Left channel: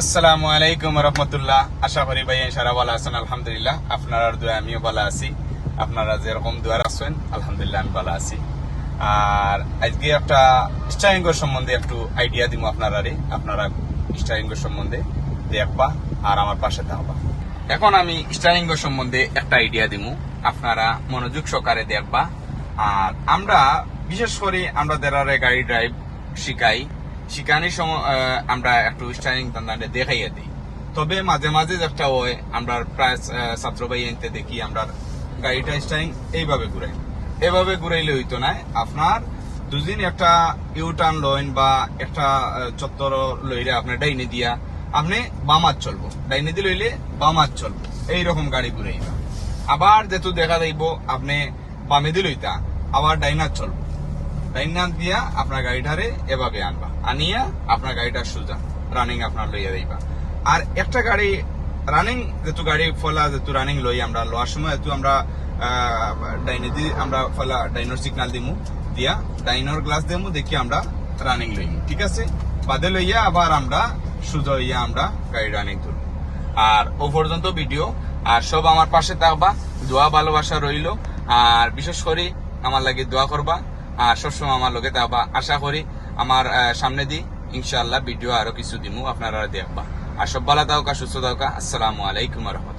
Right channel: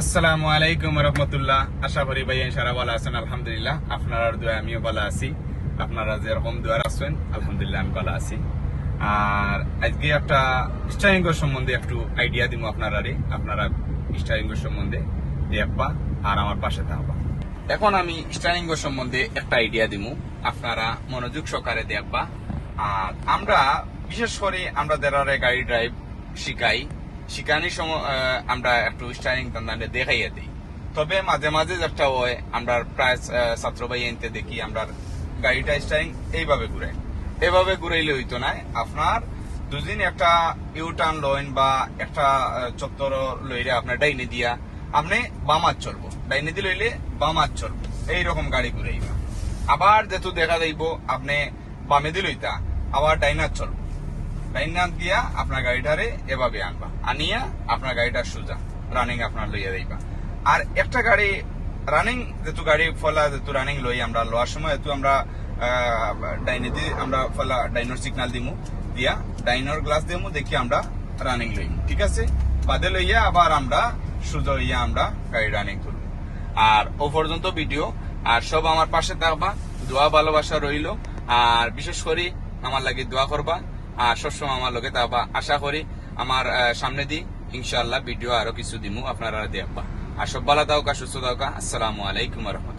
আসসালামু আলাইকুম রহমতুল্লাহ। আশা করি ভাই সারা ভালো আছেন। আলহামদুলিল্লাহ আপনার দোয়া আমিও ভালো আছি। আপনারা যেরকম দোয়া রাখছেন আলহামদুলিল্লাহ আমি ভালো আছি। আর আজকে একটা স্টারিং সম্বন্ধে একটু আইডিয়া দিব আপনারা স্টারিং সম্বন্ধে দেখবা আর আমার পাশে থাকবা। এখন আমি স্টারিং সম্বন্ধে একটা আইডিয়া দিব, আপনারা মনোযোগ সহকারে দেখবা। আর আমরা বিশেষ করে আমরা যারা গাড়ি ড্রাইভ শিখানির সময় আমরা একটু স্টারিং টান্ডানে দেখাইয়া দিই। তবে মাঝে মাঝে যেটা হয় আমরা প্রায় ছাত্র ভাই আনতে দেখি আমরা গাড়িটা স্টারিং এইভাবে ঘুরাইলে হইতো না। আপনার দুদিন একটা ইউটার্ন লইন বা একটা চত্বর লইলে আপনার ডাইনে দিয়া আপনি বামাত চলবো, ডাইনে দিয়ে লইলে বামাত চলবো, এইরকম গাড়ি ঘুরাইবা। আবার যেহেতু দেখা যাইব আপনি বামে দিয়ে লইতা আবার ডাইনার চলবো, ডাইনার দিয়া আপনার গাড়িটারে এভাবে আনবা, আনিয়া আপনার গাড়িটা সোজা রানিং আপনার লইয়া দিবা। আর একটা গাড়ি রানিং যেহেতু গাড়ি ফলা যেহেতু রানিং লই আমরা লওয়ার সময় যেহেতু আমরা ডাইনে দিয়ে আমরা ফলা ডাইনোর সিগনাল দিমু, দিয়া ডাইনোর গ্লাস দিমু, দেখি আমরা রানিং লইমু, ঠিক আছে। বাদে লইয়া আবার আমরা সোজা হইয়া আমরা গাড়ি রানিং করবো। আর ও পর্যন্ত ভিডিও আর সব আমার পাশে থাকবা, দোয়া ভালোবাসা রইল। আর বিশেষ করে আমার লাগে দোয়া করবা আর সবসময় আমার লগে থাকবা। আশা করি আমার সামনে দি ইনশাআল্লাহ ভিডিও আরো কিছু দিমু, আপনারা দেখবা। আর সব ভালো থাকা, সুস্থ থাকা। আসসালামু আলাইকুম রহমতুল্লাহ।